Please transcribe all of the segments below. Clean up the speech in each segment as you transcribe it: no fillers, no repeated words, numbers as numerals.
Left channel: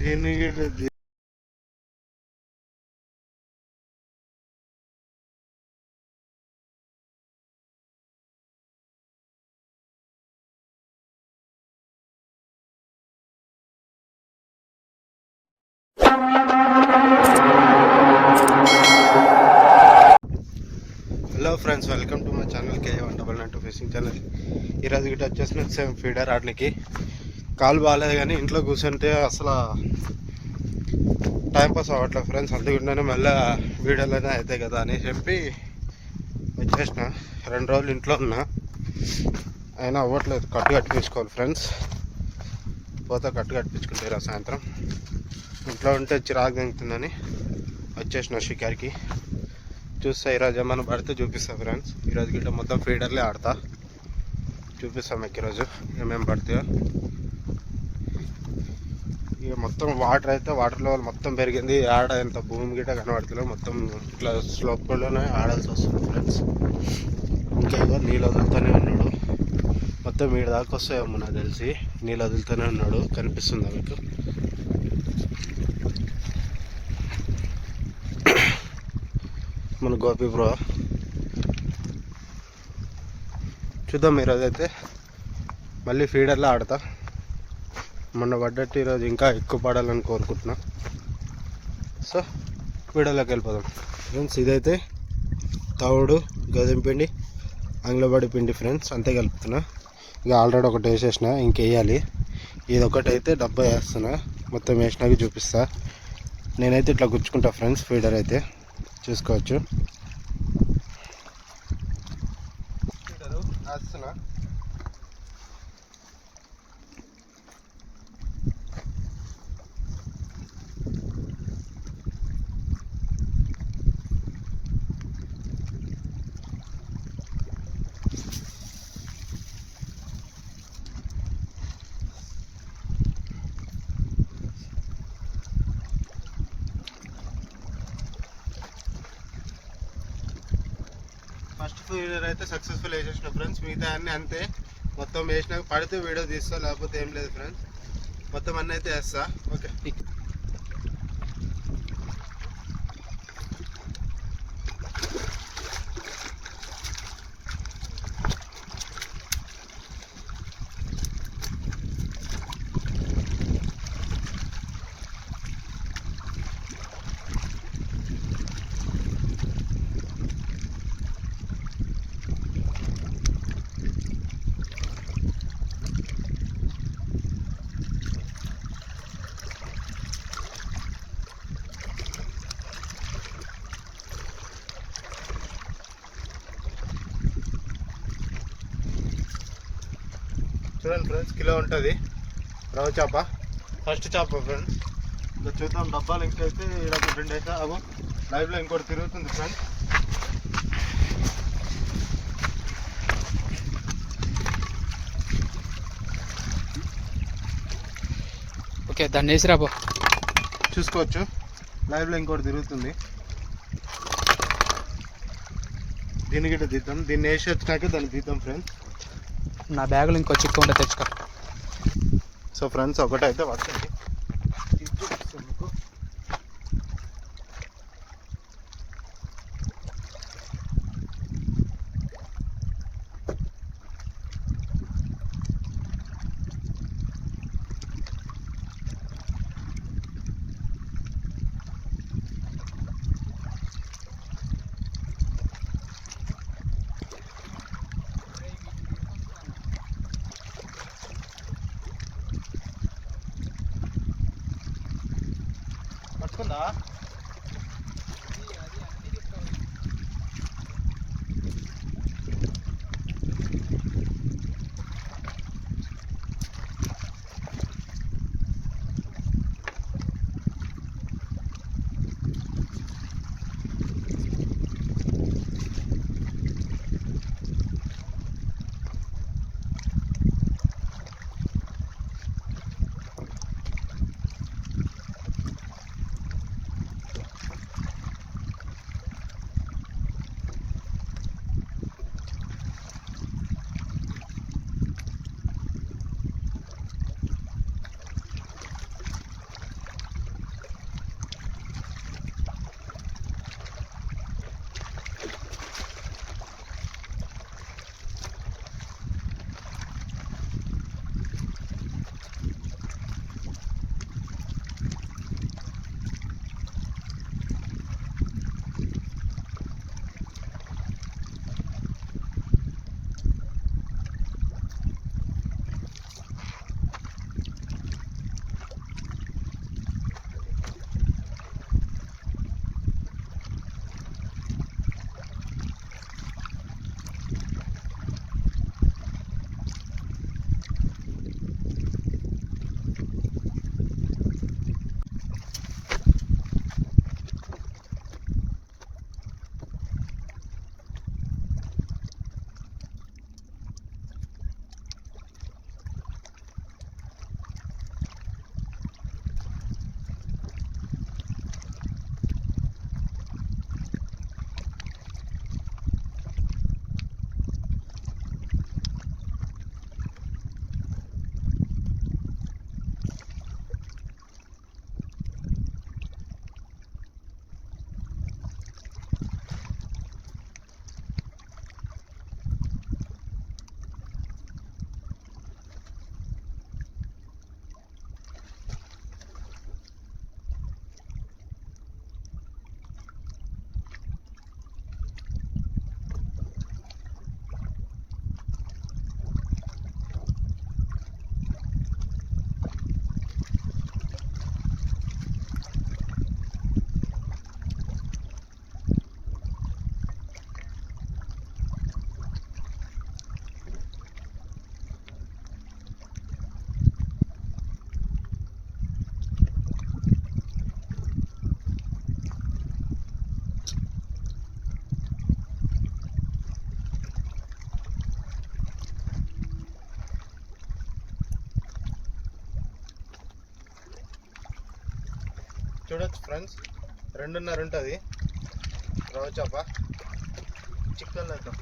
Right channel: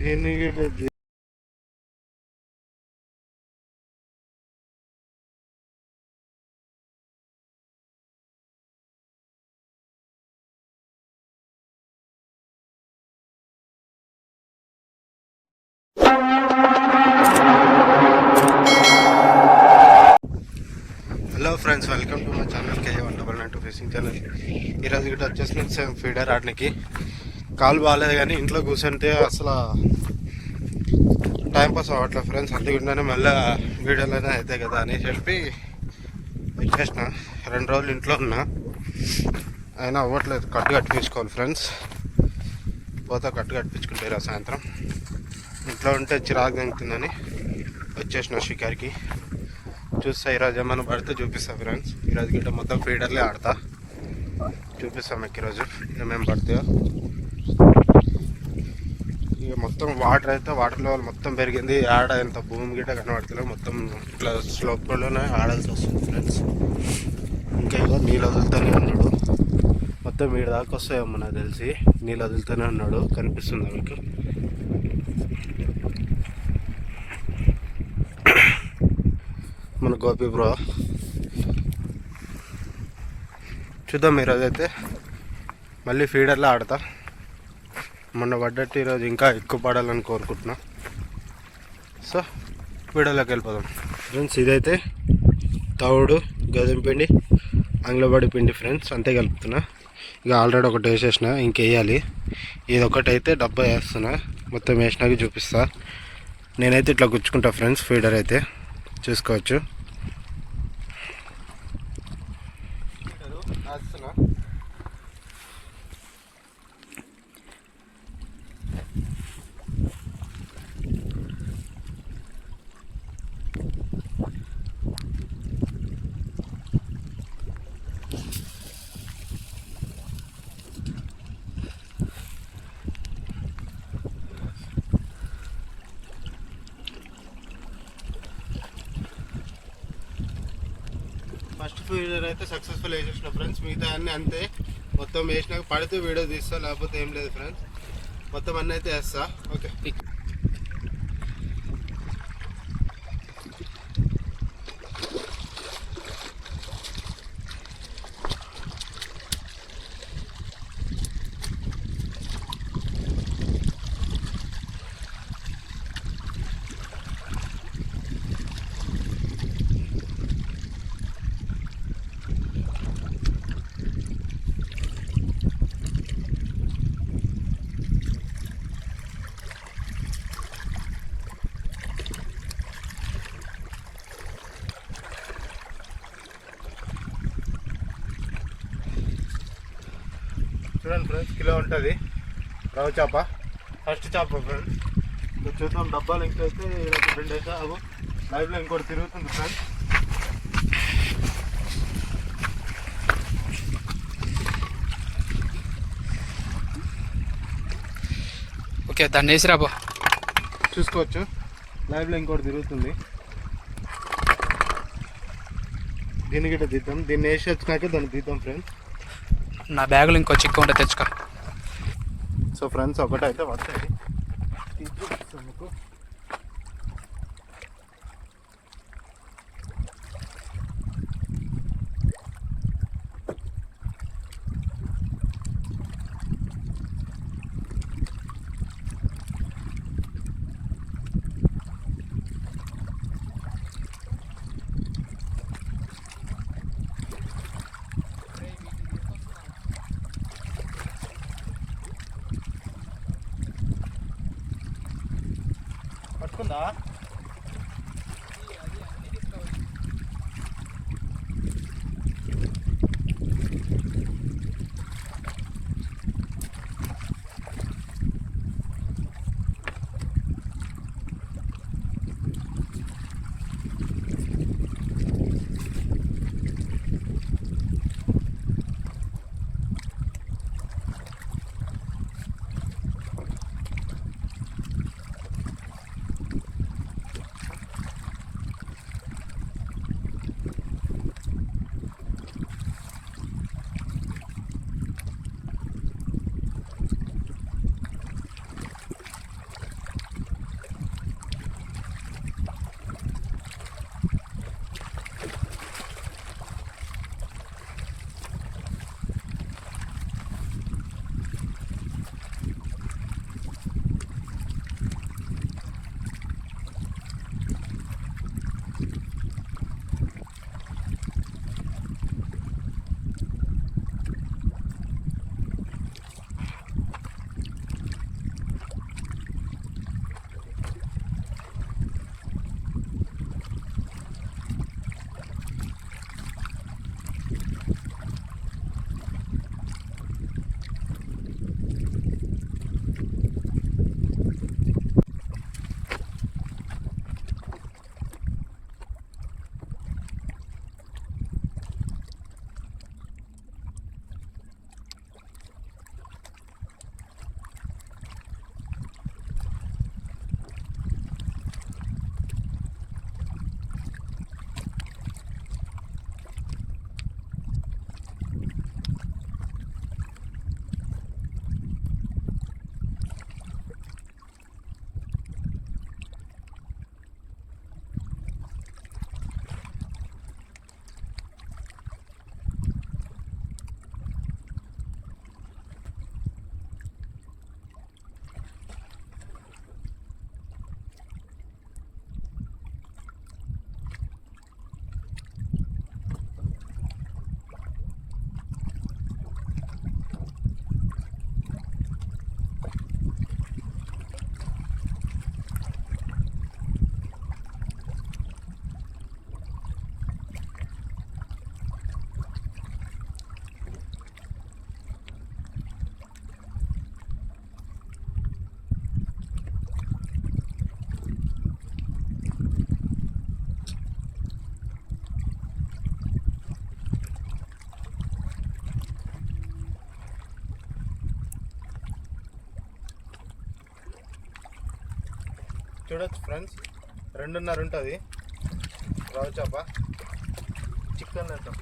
దీనికి hello friends, welcome to my channel KJ199 fishing channel. ఈరోజు గిట్ట వచ్చేసిన సేమ్ ఫీడర్ ఆడడానికి కాలు బాగాలేదు, కానీ ఇంట్లో కూర్చుంటే అసలు టైంపాస్ అవ్వట్లేదు ఫ్రెండ్స్. అందుకుండానే మళ్ళీ వీడియోలోనే అవుతాయి కదా అని చెప్పి వచ్చేసిన. 2 రోజులు ఇంట్లో ఉన్నా, అయినా అవ్వట్లేదు. కట్టు కట్టించుకోవాలి ఫ్రెండ్స్. పోతే కట్టు కట్టించుకుంటారు సాయంత్రం. ఇంట్లో ఉంటే చిరాకు తింటుందని వచ్చేసిన షికార్కి. చూస్తా ఈరోజు ఏమైనా పడితే చూపిస్తా ఫ్రెండ్స్. ఈరోజు గిట్ట మొత్తం ఫీడర్లే ఆడతా, చూపిస్తాం మీకు ఈరోజు ఏమేమి పడతాయో. ఇక మొత్తం వాటర్ అయితే వాటర్ లెవెల్ మొత్తం పెరిగింది. ఆడ ఎంత భూమి గిట్ట కనబడుతుందో మొత్తం ఇట్లా స్లోప్లోనే ఆడాల్సి వస్తుంది ఫ్రెండ్స్. ఇంకా ఇవ్వ నీళ్ళు వదులుతూనే ఉన్నాడు. మొత్తం వీడి దాకా వస్తాయేమో నాకు తెలిసి. నీళ్ళు వదులుతూనే ఉన్నాడు, కనిపిస్తుందా మీకు? మన గోపి బ్రో. చూద్దాం ఈరోజు అయితే మళ్ళీ ఫీడర్లో ఆడతా. మొన్న పడ్డట్టు ఈరోజు ఇంకా ఎక్కువ పడాలని కోరుకుంటున్నా. సో వీడియోలోకి వెళ్ళిపోదాం ఫ్రెండ్స్. ఇదైతే తవుడు, గోధుమ పిండి, ఆంగ్లబడి పిండి ఫ్రెండ్స్, అంతే కలుపుతున్నా. ఇక ఆల్రెడీ ఒకటి వేసేసిన, ఇంకేయాలి. ఇది ఒకటి అయితే డబ్బా వేస్తున్నా. మొత్తం వేసినాక చూపిస్తా. నేనైతే ఇట్లా గుచ్చుకుంటా ఫ్రెండ్స్. ఫీడర్ అయితే చూసుకోవచ్చు. ఫస్ట్ ఫీడర్ అయితే సక్సెస్ఫుల్ వేసేసిన ఫ్రెండ్స్. మిగతా అన్నీ అంతే. మొత్తం వేసినాక పడితే వీడియో తీస్తా, లేకపోతే ఏం లేదు ఫ్రెండ్స్. మొత్తం అన్నీ అయితే వేస్తా. ఓకే. చూడండి ఫ్రెండ్స్, కిలో ఉంటుంది రవ్వ చేప. ఫస్ట్ చేప ఫ్రెండ్స్. ఇంకా చూద్దాం. డబ్బాలు ఇంకైతే ఇక్కడ 2 అయితే అవు లైవ్లో ఇంకోటి తిరుగుతుంది ఫ్రెండ్స్. ఓకే, దాన్ని వేసి రాబో. చూసుకోవచ్చు, లైవ్లో ఇంకోటి తిరుగుతుంది. దీన్ని గిట్ట తీద్దాం. దీన్ని వేసి వచ్చినాక దాన్ని తీద్దాం ఫ్రెండ్స్. నా బ్యాగులో ఇంకో చిక్క ఉంటే తెచ్చుకో. సో ఫ్రెండ్స్, ఒకటైతే పడుతుంది. చూపిస్తాను మీకు. పట్టుకుందా? చూడొచ్చు ఫ్రెండ్స్, 2.5 ఉంటుంది రవ్వ చేప. చికెన్ వేద్దాం.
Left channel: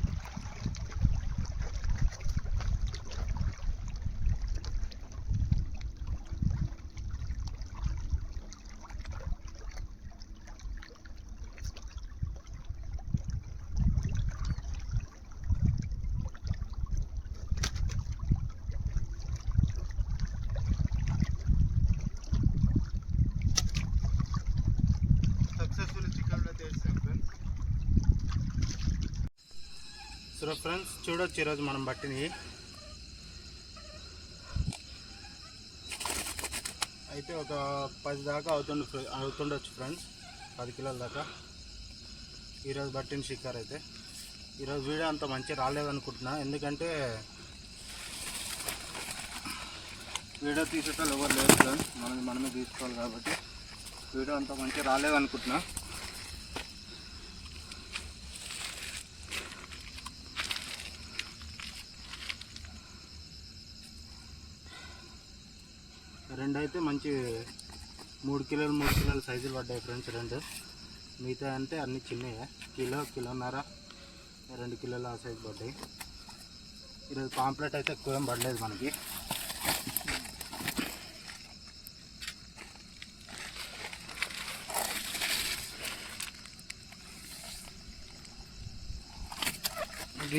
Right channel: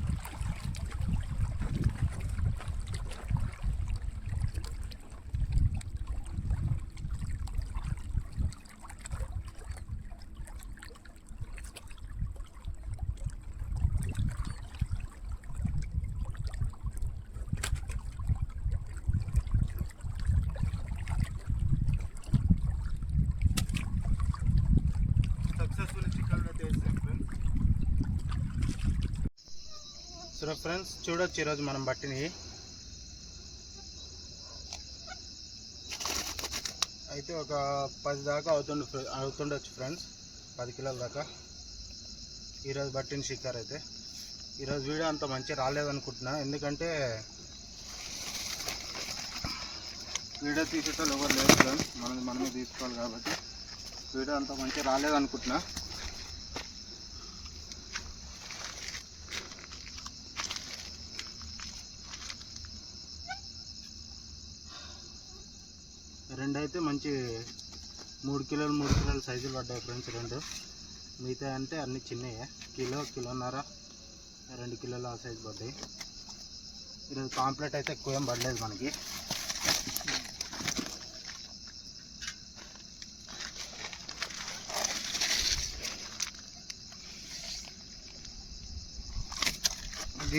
సక్సెస్ఫుల్ చికెన్ అయితే వేస్తాం ఫ్రెండ్స్. సో ఫ్రెండ్స్ చూడొచ్చు ఈరోజు మనం పట్టినవి అయితే ఒక 10 దాకా అవుతుండొచ్చు ఫ్రెండ్స్, 10 కిలోల దాకా ఈరోజు పట్టిన షికార్ అయితే. ఈరోజు వీడియో అంత మంచిగా రాలేదనుకుంటున్నా, ఎందుకంటే వీడియో తీసేటోళ్ళు ఎవరు లేరు ఫ్రెండ్స్, మనమే తీసుకోవాలి కాబట్టి వీడియో అంత మంచిగా రాలేదనుకుంటున్నా. రెండు అయితే మంచి 3 కిలోల సైజులు పడ్డాయి ఫ్రెండ్స్. 2 మిగతా అంటే అన్నీ చిన్నవి, కిలోన్నర 2 కిలోల ఆ సైజు పడ్డాయి. ఈరోజు పాంప్లెట్ అయితే ఎక్కువ ఏం పడలేదు మనకి.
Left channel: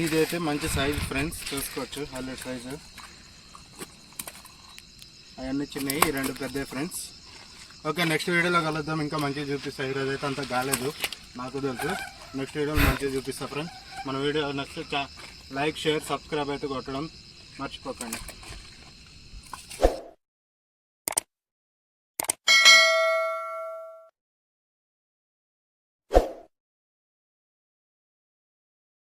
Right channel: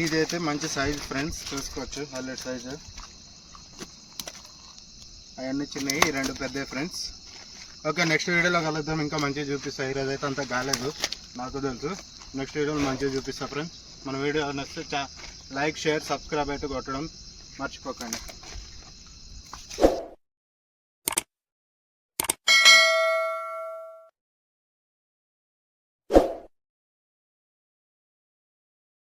ఇదైతే మంచి సైజు ఫ్రెండ్స్, చూసుకోవచ్చు హైలైట్ సైజు. అవన్నీ చిన్నవి, 2 పెద్దవి ఫ్రెండ్స్. ఓకే, నెక్స్ట్ వీడియోలో కలుద్దాం. ఇంకా మంచిగా చూపిస్తాను. ఈరోజు అయితే అంత కాలేదు నాకు తెలుసు, నెక్స్ట్ వీడియోలో మంచిగా చూపిస్తా ఫ్రెండ్స్. మన వీడియో నచ్చితే లైక్, షేర్, సబ్స్క్రైబ్ అయితే కొట్టడం మర్చిపోకండి.